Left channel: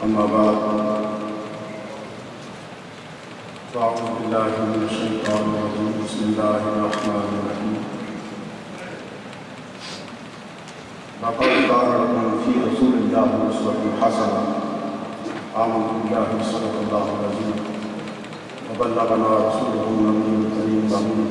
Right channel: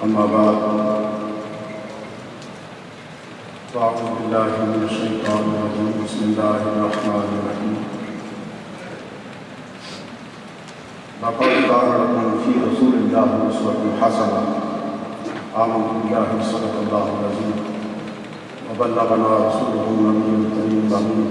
أما بعد فأعوذ بالله من الشيطان الرجيم بسم الله الرحمن الرحيم لقد كان لكم في رسول الله أسوة حسنة آمنت بالله صدق الله العظيم وبلغنا رسوله النبي الكريم الأمين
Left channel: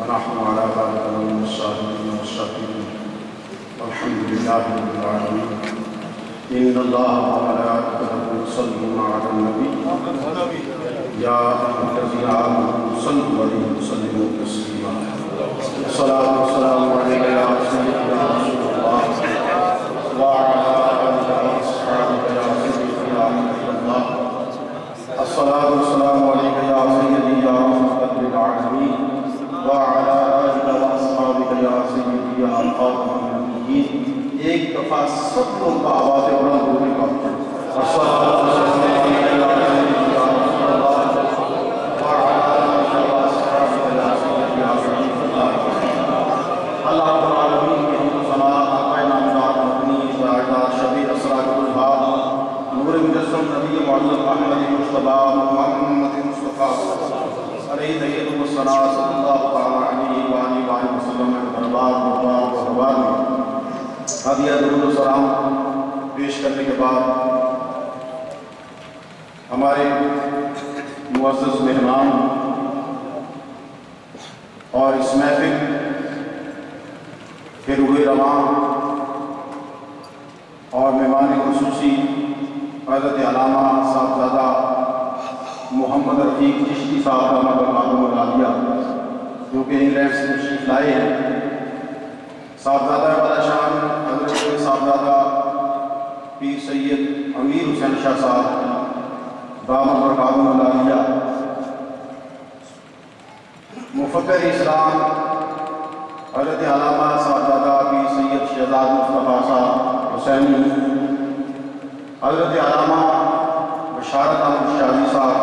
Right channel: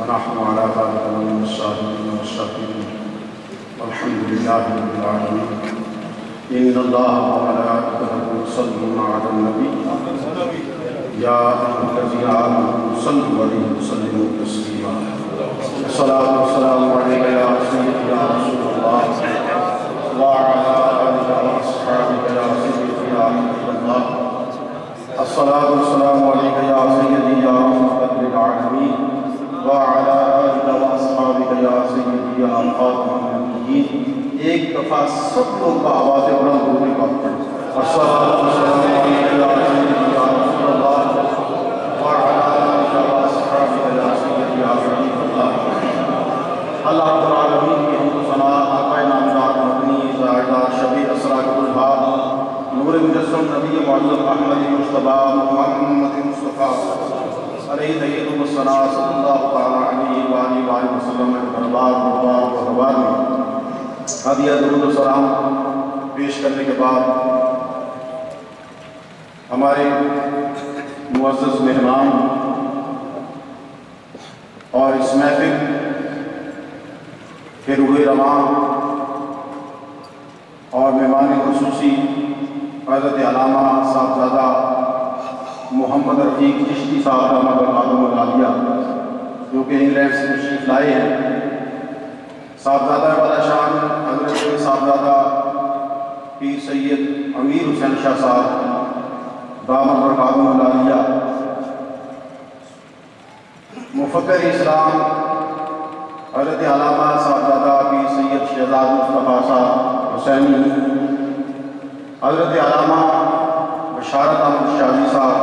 ونحن على ذلك من الشاهدين والشاكرين والحمد لله رب العالمين إن الله وملائكته يصلون على النبي يا أيها الذين آمنوا صلوا عليه وسلموا تسليما الصلاة والسلام عليك يا سيدي يا رسول الله وعلى آلك وأصحابك يا سيدي يا حبيب الله الصلاة والسلام عليك يا سيدي يا رحمة للعالمين وعلى آلك وأصحابك يا سيدي يا خاتم النبيين ایک دفعہ سب لوگ کا آواز بلند ہونے کا الصلاة والسلام علیک یا سیدی یا رسول اللہ وعلی آلہ وأصحابہ یا سیدی یا حبیب اللہ اللہ رب العالمین کی حمد و ثنا آقائے نامدار مدنی زاہدہ شبیہ اسرار الحال نور مجسم نبی معظم احمد مصطفیٰ محمد مصطفیٰ علیہ سید الصلاة صلی اللہ تعالیٰ علیہ وآلہ وسلم دربار و حوار میں ہدیہ درود و سلام پیش کرنے کے بعد ہمارے معزز مہمان اور اس محفل کے روح رواں اور مہمان خصوصی حضرت علامہ صاحبزادہ محمد رفیق چشتی صاحب رحمۃ اللہ علیہ جو کہ انگلینڈ سے تشریف لائے ہیں صاحبزادہ والا شان حضرت صاحبزادہ پیر سید امیر حسین شاہ صاحب دامت برکاتہ العالیہ مفکر اسلام حضرت علامہ صاحبزادہ پیر سید شہزاد مصطفیٰ صاحب حسینی حضرت علامہ بشارت احمد شاہی صاحب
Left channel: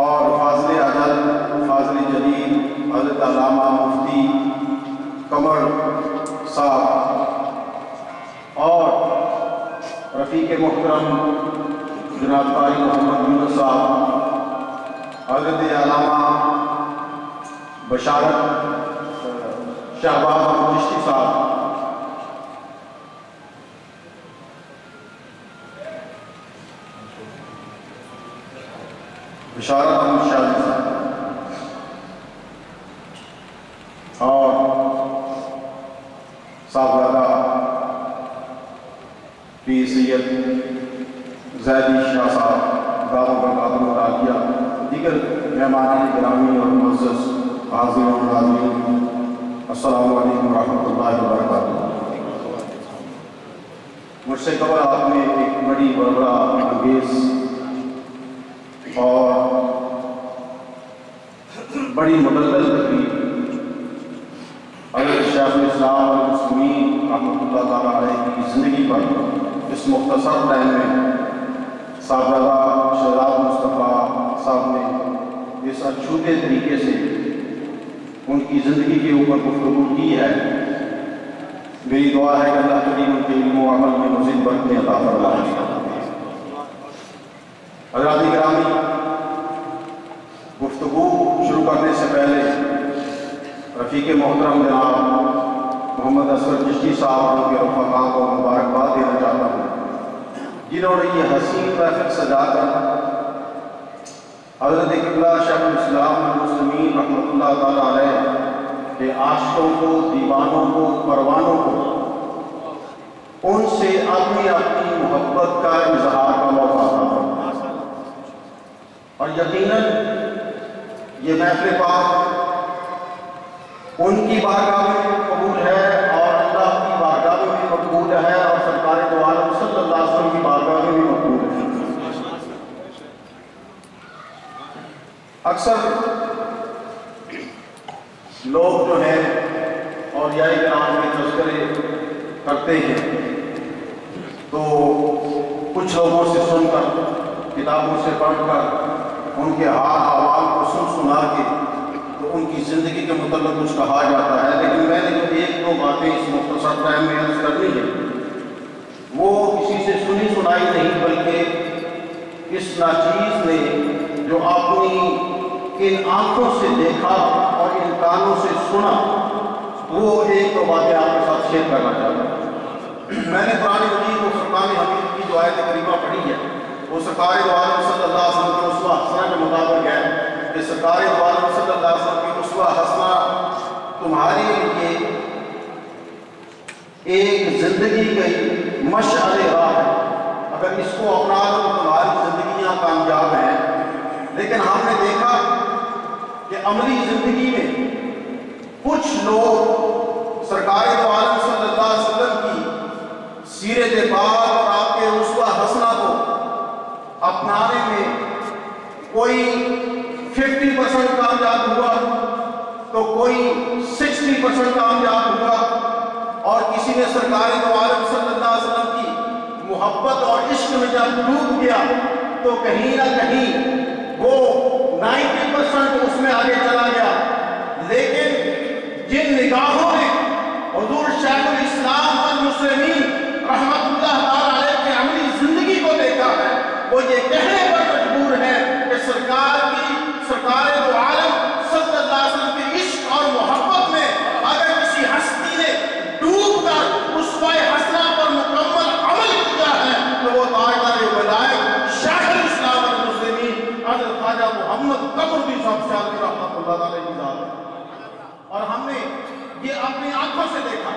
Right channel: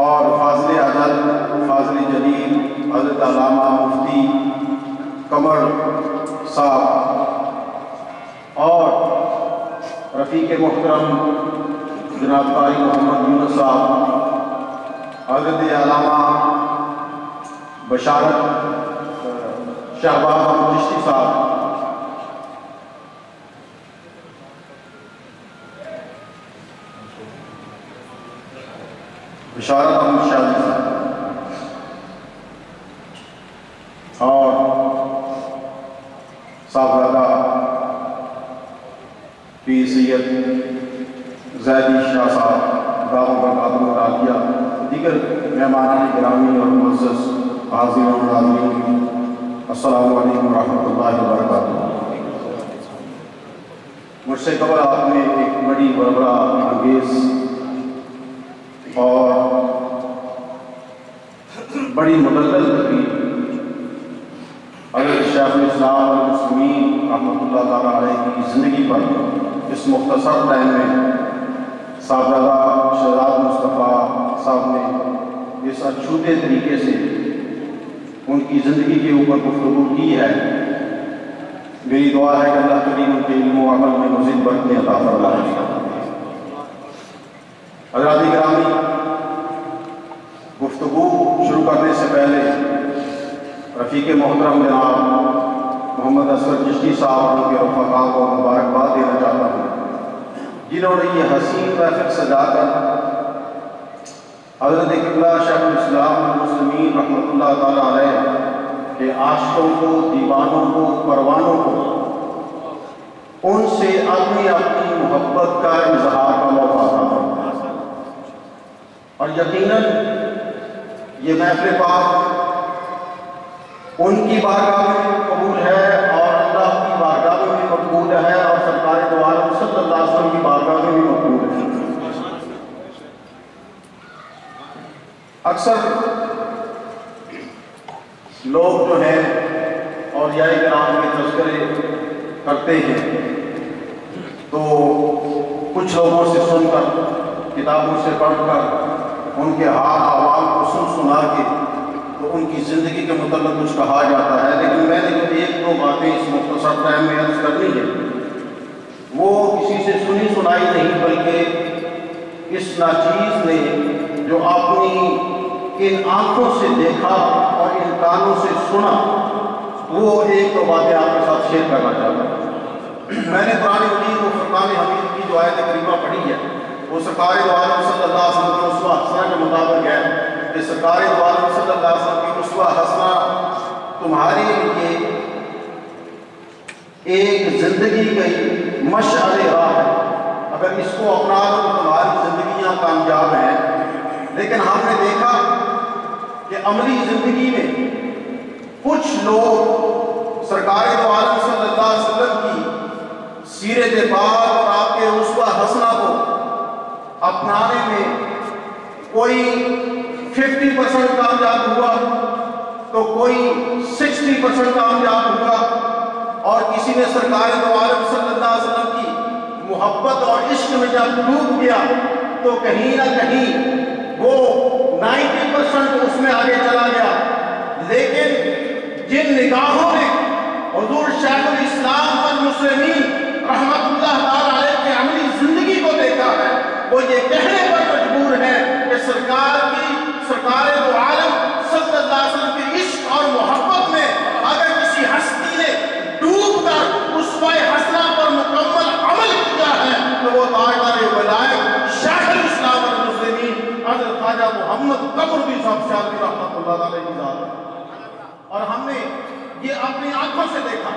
اور فاضل اجل فاضل جلیل حضرت علامہ مفتی قمر صاحب اور رفیق محترم جناب قاری محمد یونس صاحب حضرت علامہ بشارت شہباز احمد چشتی صاحب بشارت احمد شاہی صاحب اور صاحبزادہ پیر سید زیدی شاہ صاحب دامت برکاتہ العالیہ دیگر مہمان گرامی اور معزز حاضرین و ناظرین السلام علیکم ورحمۃ اللہ وبرکاتہ مجھ سے قبل آپ نے ایک بڑی بربرا انگیز اور بڑی مدلل تقریر حضرت شیخ الاسلام والمسلمین رحمۃ اللہ تعالیٰ علیہ کی زندگی پر اس مختصر ٹائم میں صاحبزادہ شہزاد مصطفیٰ صاحب نے اس اچھوتے طریقے سے ان کی زندگی کے اوپر گفتگو کی ہے میری دعا ہے کہ اللہ کریم ان کے علم و عمل میں مزید برکتیں عطا فرمائے حضرات گرامی گفتگو شروع کرنے سے پہلے رفیق محترم جناب محمد اصغر چشتی صاحب اور ان کے رفقاء کو مبارکباد دینا چاہتا ہوں جنہوں نے یہ حسین محفل سجا کر حضرت قبلہ شیخ الاسلام والمسلمین رحمۃ اللہ تعالیٰ علیہ کے عاشقوں کو دیوانوں کو پروانوں کو ان سے اپنی محبت کا اظہار کا موقع عطا فرمایا اور یقیناً یہ محفل پاک ان کی بارگاہ میں بھی قبول ہے اور اللہ کی بارگاہ میں بھی مقبول ہے اور سرکار دو عالم صلی اللہ علیہ وسلم کی بارگاہ میں بھی مقبول ہے اکثر لوگ جو ہیں اولیاء کرام کے تذکرے کرتے ہیں تو کچھ لوگوں سے سن کر کتابوں سے پڑھ کر ان کے حال احوال کو سنا کے تو ان کی زندگی کے متعلق کچھ کہا جاتا ہے، لیکن میں نے جو ایک دو باتیں اس مختصر ٹائم میں عرض کرنی ہے وہ کسی سے سنی سنائی نہیں، بلکہ اس ناچیز نے جو اپنی ان آنکھوں سے دیکھا اور ان کانوں سے سنا، وہ ایک دو باتیں آپ کے ساتھ شیئر کرنا چاہتا ہوں۔ میں نے قرآن مجید کو فرقان حمید کی جو آیت کریمہ پڑھی ہے وہ سرکار دو عالم صلی اللہ علیہ وسلم کے اسوہ حسنہ کے مطابق ہے کہ سرکار دو عالم صلی اللہ علیہ وسلم کی اسوہ حسنہ تمہارے لیے ایک زندگی کی مشعل راہ ہے، اگر اس کو اپنا لو تو تمہاری زندگیاں کامیاب ہیں۔ لیکن ہم نے دیکھا کہ عملی زندگی میں کچھ لوگ سرکار دو عالم صلی اللہ علیہ وسلم کی سیرت پاک اور آپ کے اسوہ حسنہ کو اپنانے میں کوئی 50% کامیاب ہوا تو کوئی 60% کامیاب ہوا، اور کسی نے سرکار دو عالم صلی اللہ علیہ وسلم کی محبت اور عشق میں جب ڈوب گیا تو کہیں نہ کہیں وہ 90% اس میں آگے چلا گیا۔ لیکن جن نگاہوں نے حضور شیخ الاسلام والمسلمین رحمت اللہ تعالی علیہ کے عملی زندگی کو دیکھا ہے، وہ یہ کہنے پر مجبور ہے کہ سرکار دو عالم صلی اللہ علیہ وسلم کی عشق اور محبت میں اگر کسی ہستی نے ڈوب کر اسوہ حسنہ پر مکمل عمل کیا ہے تو وہ تاجدار ولایت شیخ الاسلام والمسلمین حضرت خواجہ محمد قمرالدین صاحب شاذلی رحمۃ اللہ علیہ کی ذات ہے۔ اور ہم نے یہ اپنی آنکھوں سے دیکھا۔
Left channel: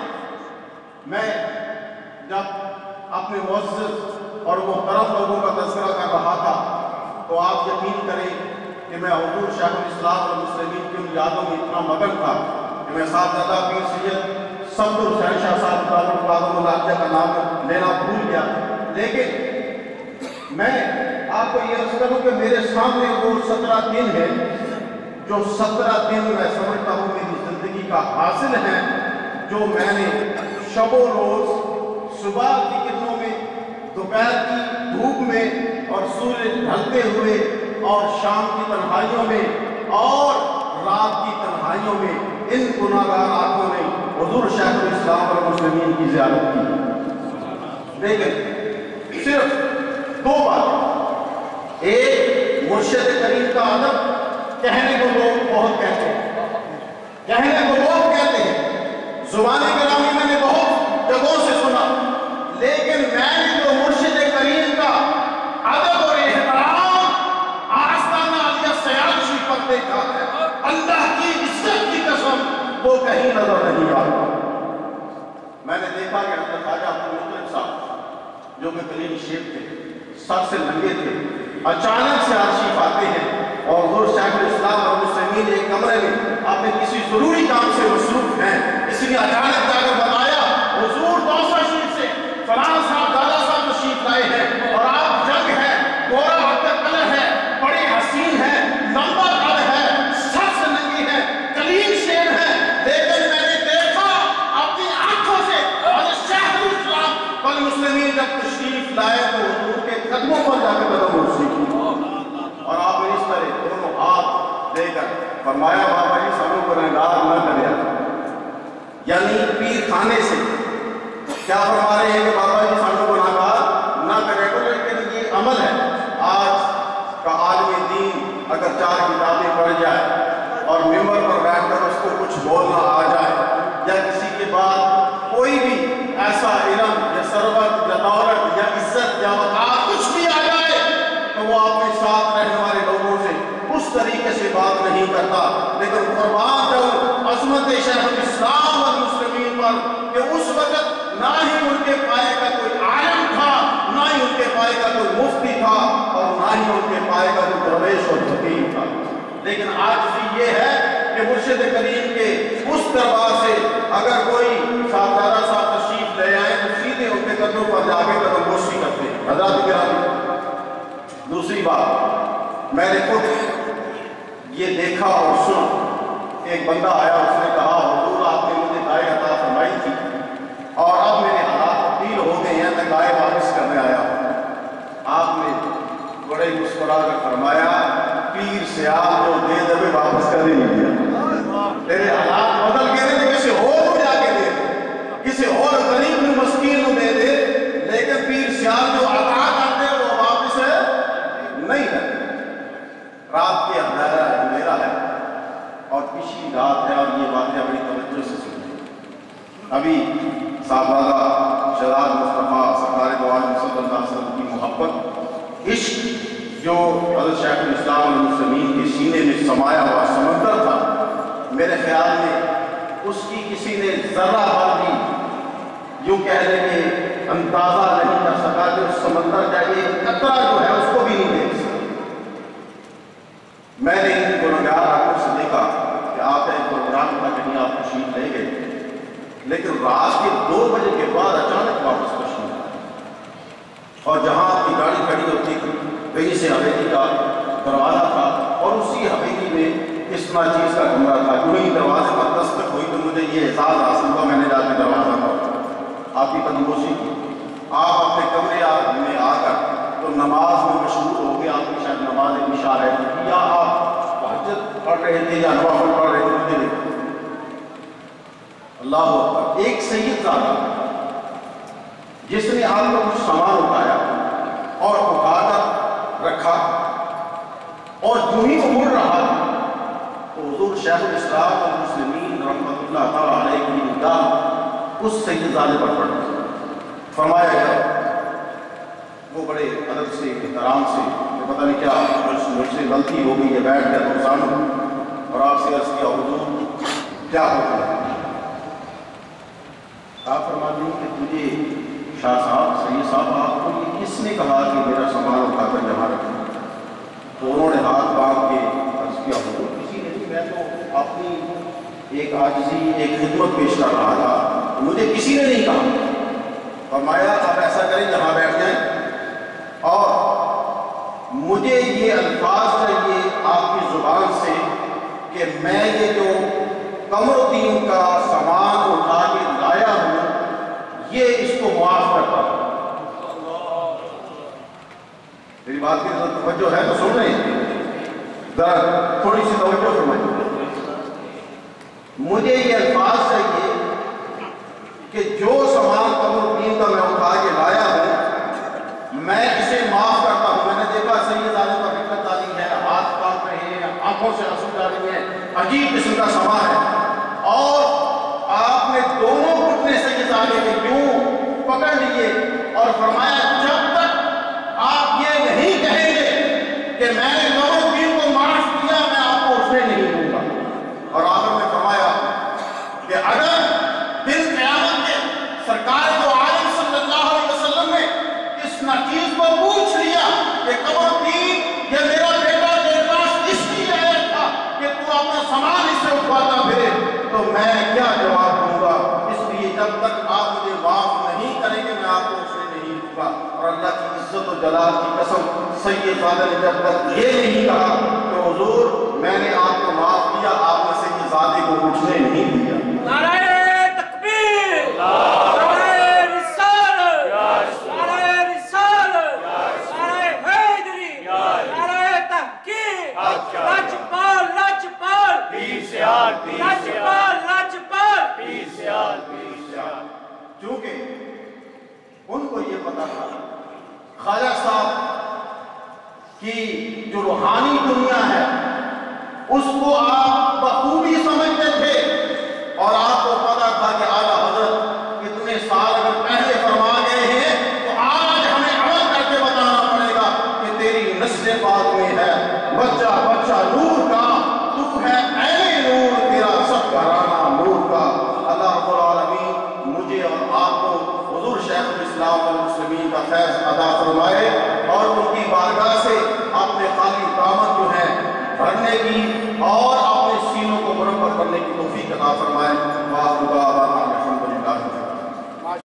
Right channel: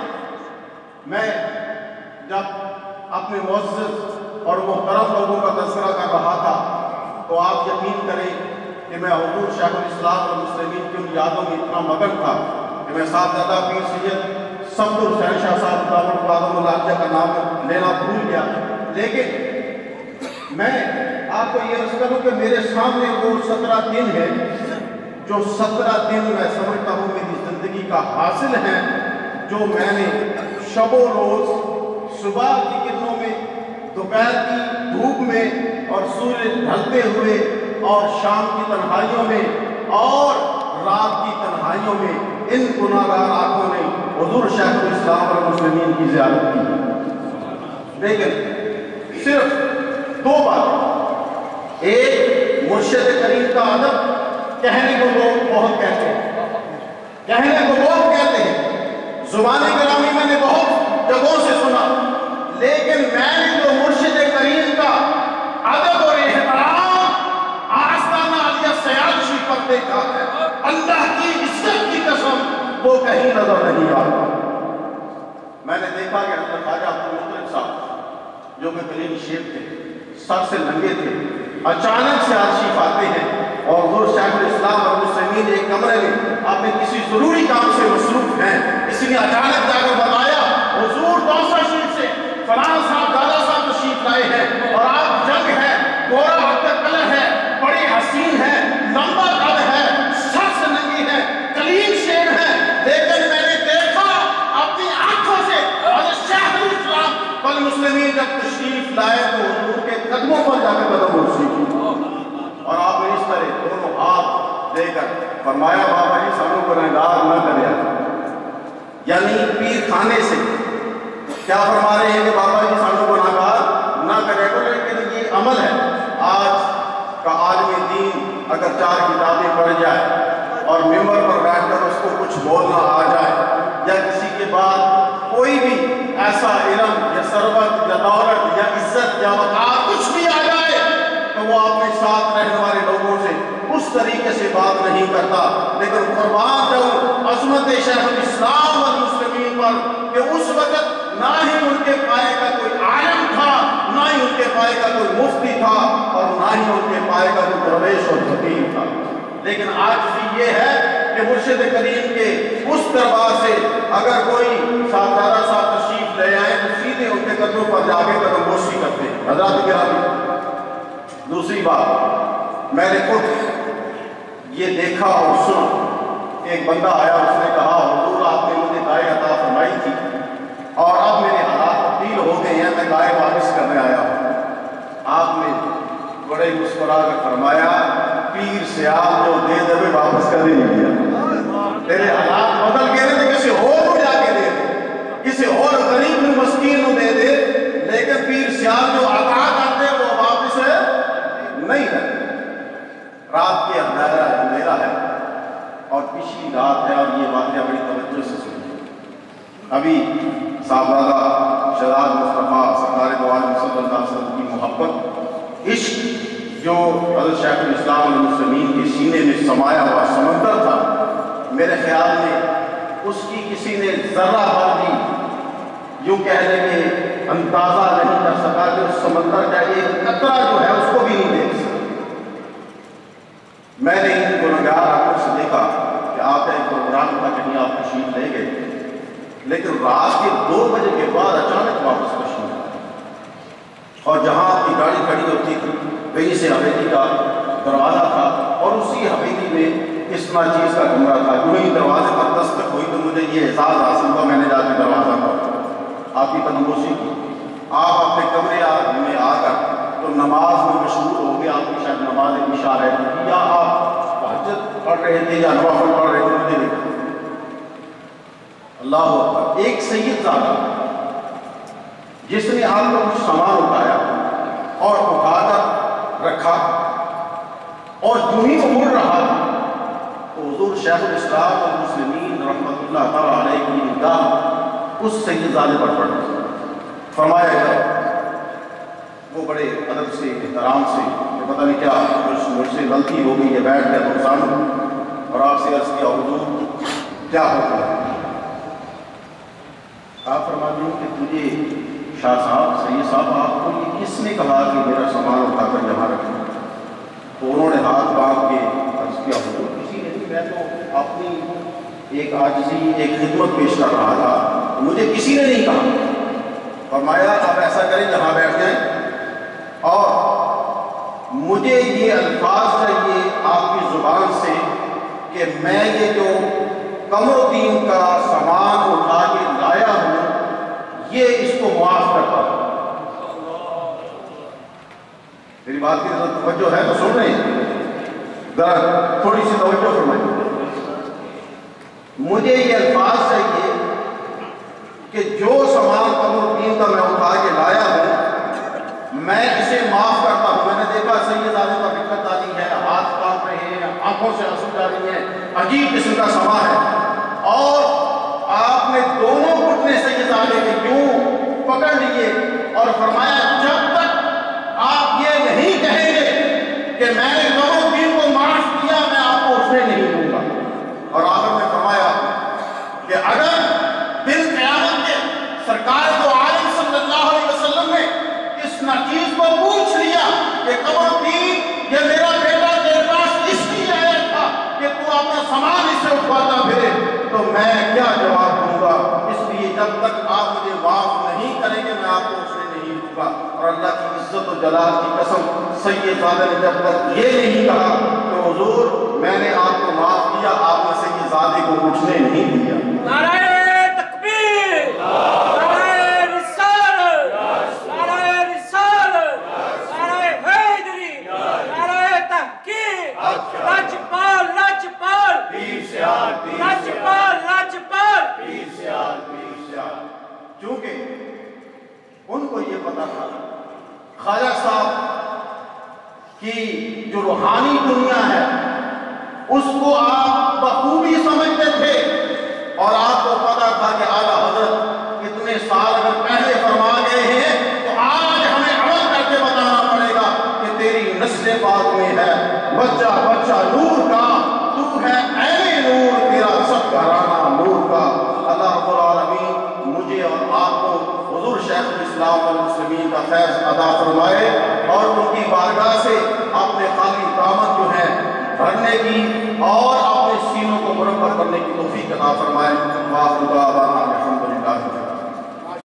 میں جب اپنے معزز اور محترم لوگوں کا تذکرہ کر رہا تھا تو آپ یقین کریں کہ میں حضور شیخ الاسلام والمسلمین کی ان یادوں میں اتنا مگن تھا کہ میں صاحبزادہ پیر سید صفدر حسین شاہ صاحب دامت العالیہ کا نام لینا بھول گیا۔ لیکن میں آپ کو یہ عرض کروں کہ میرے سامنے وہ 17 دن ہے جو 17 دن میں سمجھتا ہوں میری زندگی کا حاصل ہے، جو میں نے شب و روز صبح کی کرنوں میں، دوپہر کی دھوپ میں اور سورج ڈھلتے ہوئے اور شام کی تنہائیوں میں اور رات کی تنہائیوں میں ان گناہگار آنکھوں نے حضور شیخ الاسلام والمسلمین کی زیارت کی۔ لیکن صرف دو بات، ایک مرشد کریم کا ادب کہنے کو لوگ بہت کہتے ہیں، زبان کلامی میں نے بہت جگہوں سے سنا، لیکن میں نے جو مرشد کریم کا ادب اور احترام آستانہ عالیہ سیال شریف پر دیکھا ہے، اللہ کی عزت کی قسم وہ کہیں نظر نہیں آتا۔ میں نے دیکھا کہ حضرت خواجہ عبدالمطلب صاحب جو کہ کلیم شیخ تھے، سر سے ننگے تھے، اچانک سے تشریف آتے ہیں اور حضور شیخ الاسلام اور مسلمین ایک کمرے میں اپنے کسی ضروری کام سے مصروف ہیں، اس نے اچانک جا کر بتایا حضور دوسرا شریف سے فلاں صاحب دادا صاحب تشریف لائے ہیں اور آپ جنگ ہے، گورا حقیقت کلر ہے، بڑی حسین ہے، لمبا قد ہے، سر سے ننگی ہے، کلیم شیخ ہے، لیکن میں نے دیکھا اپنی آنکھوں سے حضرت شیخ الاسلام والمسلمین جب تشریف لائے تو حضور کے قدموں پر جا کے قدم رسی کی اور آپ نے اس طرح دونوں ہاتھ دے کر فرمایا بابا جی سانوں کو گنہگار نہ کریا، یعنی پیر خانے سے کیا فرما رہے ہیں کہ بابا جی سانوں کو گنہگار نہ کرے گا، لیکن یہ عمل ہے۔ آج کا عالم دین اگر 4 کتابیں پڑھ جائے اور ممبر پر بیٹھ کر اس کو کچھ بولنا آ جائے یا کسی کے بعد کوئی بھی ایسا علم یا ثروت یا دولت یا عزت یا وقار کچھ بھی آ جائے تو وہ اپنے ساتھ رہنے والے لوگوں سے اس طریقے سے بات نہیں کرتا، لیکن قربان جاؤں عظمت شیخ الاسلام والمسلمین پر کہ اس وقت نہ ہی ان کے پائے کا کوئی عالم تھا، نہ ہی ان کے پائے کا کوئی مفتی تھا اور نہ ہی ان کے پائے کا کوئی درویش اور فقیر تھا، لیکن آج بھی یہ ہے کہ مرشد کریم کے اس دربار سے اگر کوئی صاحبزادہ صاحب تشریف لے آئے تو سیدھے ان کے قدموں پر جا کے قدم بوسی کرتے ہیں۔ حضرات گرامی، دوسری بات میں نے خود یہ دیکھا اور سنا، ایک بندہ آیا، اس نے کہا حضور آپ نے مجھے گائے عطا فرمائی تھی اور اب میرے حالات تبدیل ہو گئے ہیں، میں گائے واپس کرنے آیا ہوں۔ آپ نے بڑے مسکرا کر فرمایا پیر سیال جو دے دے واپس کر نہیں دیا۔ تیرے حالات بدل کے دے تو کسی اور کو جا کے دے دے، کسی اور غریب مسکین کو دے دے، لیکن پیر سیال جو عطا کرتے وہ واپس نہیں ہے۔ رات کے اندھیرا ہے اور پچھلی رات ہے، اور یہ باتیں بڑی توجہ سے سنیے۔ ابھی صاحبزادہ شہزاد مصطفیٰ سرکار دو عالم صلی اللہ علیہ وسلم کی محبت، عشق جو حضرت شیخ الاسلام والمسلمین کے سینے میں سمایا ہوا سمندر تھا، میرے خیال میں اس کی کسی نے ذرہ بھر بھی یوں کہہ لیں کہ اندازہ نہیں کر سکا کہ اس سمندر کا ایک قطرہ جو ہے اس کو بھی نہیں دیکھ سکا۔ میں نے ان گنہگار آنکھوں سے دیکھا کہ آپ ایک پروگرام کا کہیں آپ تشریف لے گئے، لیکن رات کے 2 بجے کے بعد اچانک واپس تشریف آئے، اور جہاں آپ کی گاڑی کھڑی ہوتی تھی وہیں سے حویلی کا دروازہ تھا، اور اسی حویلی میں اس چیز کا کمرہ تھا۔ جو ہی دروازے پر دستک ہوئی تو مجھے یہ احساس حاصل ہوا، میں نے جا کے دروازہ کھولا، آپ کی تنگوشی کی، آپ اپنے کمرے میں آ کر تو نماز میں مشغول ہو گئے، آپ کی شاید نماز عشاء رہی تھی، یا آپ تہجد پڑھ رہے تھے یا نوافل پڑھ رہے تھے، مجھے نہیں۔ اللہ اکبر، ایک سید زادہ جس نے آپ کو کچھ سامان اٹھایا اور اٹھا کر رکھا، اور جو ہی وہ مڑ رہا تھا تو حضور شیخ الاسلام والمسلمین رحمۃ اللہ تعالیٰ علیہ کی نگاہ اس سید زادے پر پڑی۔ فرمایا گیا وہ بڑے ادب سے احترام سے کہ پتہ نہیں کیا مجھ سے غلطی ہو گئی ہے، بیٹھ گیا تو سامنے، اور آپ سے عرض کیا حضور کیا ہوتا ہے؟ آپ فرماتے ہیں کہ تجھے شاہ صاحب سید صاحب آپ کو یہ کس نے کہا کہ میرا سامان اٹھا کر یہاں رکھیں؟ تو انہوں نے ہاتھ باندھ کے عرض کیا حضور کسی نے نہیں، میں تو اپنی ایک عاجزی ایک خدمت پیش کر رہا تھا، مجھے کسی نے نہیں کہا۔ فرمایا آپ ایسا کریں یہاں بیٹھ جائیں، اور مجھے یہ الفاظ چاہیے آپ کی زبان سے کہ میں یہ جو قمر الدین کا سامان اٹھا کے لایا ہوں یہ اس کو معاف کرتا ہوں۔ میری بات کی توجہ ہے تو سن رہے ہیں، ذرا تھوڑی سی توجہ فرمائیں۔ مجھے یہ الفاظ چاہیے کہ جو سامان قمر الدین کا میں اٹھا کے لایا ہوں میں اسے معاف کرتا ہوں۔ میں نے دیکھا سید زادے پر دقت آ رہی ہے، ہاتھ کانپ رہے ہیں، آنکھوں سے آنسو جا رہی ہیں، عجیب قسم کا سامان ہے، اور آپ نے دونوں گھٹنے سید زادے کے یوں پکڑ لیے اور فرمایا جب تک آپ یہ نہیں کہیں گے کہ میں نے قمر الدین کو معاف کیا میں آپ کو اٹھنے نہیں دوں گا۔ اور آخر میں فرمایا کہ اگر دن قیامت کے سرکار دو عالم صلی اللہ علیہ وسلم نے اس ناچیز کو پوچھ لیا کہ قمر الدین یہ میرا بیٹا تیرے پاس اس لیے آیا تھا کہ تو اپنا سامان اس سے اٹھواتا پھرے، تو میں کیا جواب دوں گا؟ اس لیے جب تک آپ مجھے معاف نہیں کریں گے میں آپ کو اٹھنے نہیں دوں گا۔ اور اللہ کی عزت و جلال کی قسم سید زادہ نے جب تک یہ نہیں کہا کہ حضور میں نے آپ کو معاف کیا، آپ نے سید زادے کو اٹھنے نہیں دیا۔ نعرہ تکبیر، نعرہ رسالت، نعرہ رسالت، نعرہ حیدری، نعرہ تحقیق، لاجپال لاجپال، لاجپال لاجپال، چونکہ ان کو یہ پتا تھا خواجہ صاحب کی جو روحانی دنیا ہے اس کو آپ بخوبی سمجھتے تھے، اور آپ کو پتا تھا کہ اعلیٰ حضرت اتنے سال اگر پہلے فرما گئے ہیں تو آج ہمیں عمل کر کے بتانا پڑے گا کہ تیری نسل پاک میں ہے بچہ بچہ نور کا، تو ہے عین نور، تیرا سب گھرانہ نور کا۔ اللہ رب العالمین مجھے اور آپ کو حضور شیخ الاسلام والمسلمین کا فیض عطا فرمائے، اور ان کی بارگاہ سے اپنے خالی دامن جو ہے بھرنے کی اور اپنے سینوں کو مربع کرنے کی توفیق عطا فرمائے۔